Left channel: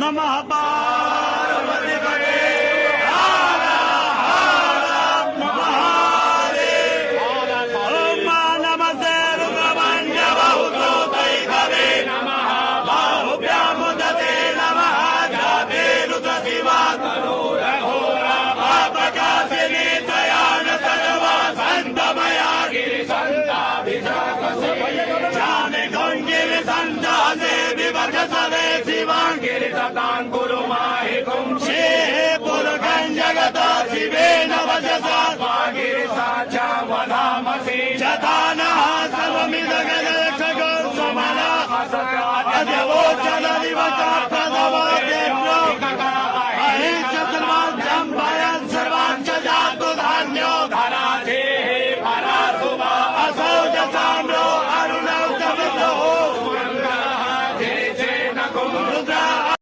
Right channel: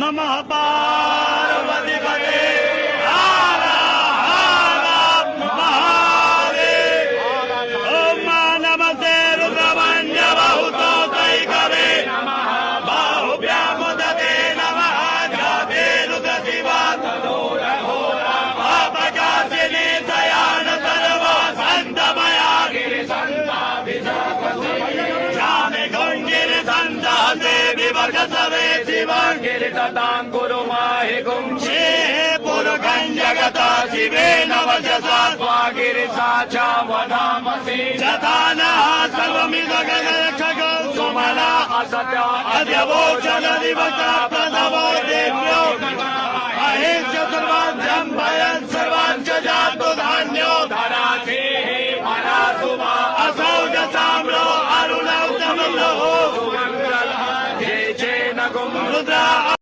नमः पार्वती पते हर हर महादेव ओम नमस्ते रुद्रमण्य बहुतो कैकवे बाहुभ्यामुदते नमः जाते रुद्रशिवा प्रकाशिने दयान सर्वा सन्तमया गिरिसन्ताभिषामे खण्डिनि सन्तासे विभजसवे शिवाङ्गिरितताङ्कुरु माहि कुंक्षे पुरुषं जगत शिवे नवजसा स्वागिरिसा च वदामसि जतानः सर्वमिदगगखगो समना अजवोचन दिवस प्रथमो देव्यो अहिंस सर्वाभ्यं भयं